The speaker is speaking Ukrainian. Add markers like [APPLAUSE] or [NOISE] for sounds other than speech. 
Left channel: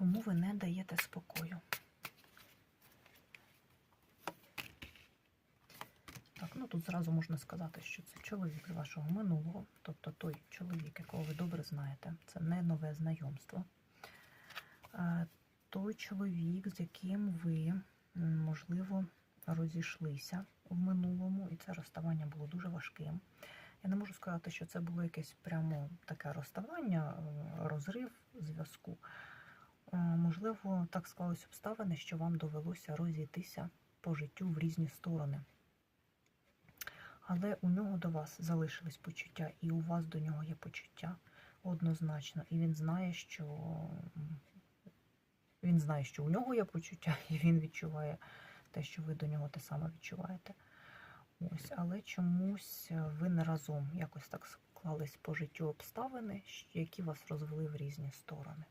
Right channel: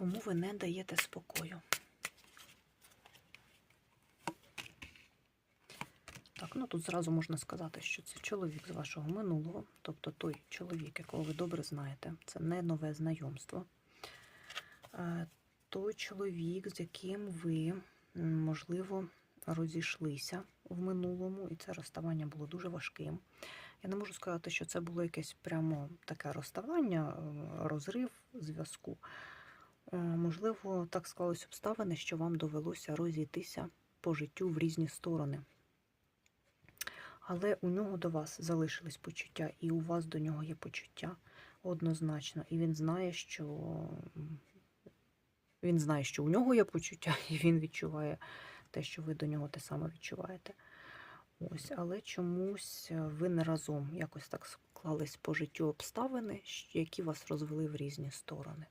Кому ви не даєте спокою? Так, ну тут зразу можна сказати, що це чоловік з вашого минулого, тобто той чоловік, якого ви добре знаєте, це не нове знайомство. Е, Той чоловік, з яким ви, можливо, розійшлися в минулому, і це розставання було дуже важким. Я не можу сказати, що це було якесь прямо таке розставання, е, розрив зв'язку. Е, Можливо, так склались обставини, що вам довелося розійтися по життю в різні сторони. Але у нього до вас залишились почуття, і у вас до нього є почуття однозначно. І він знає, що він знає, що у нього є почуття, [LAUGHS] і він відчуває те, що ви до нього те саме відчуваєте. Ось, але чомусь е, ви не разом якось так склались по життю обставини, які вас розвели в різні сторони.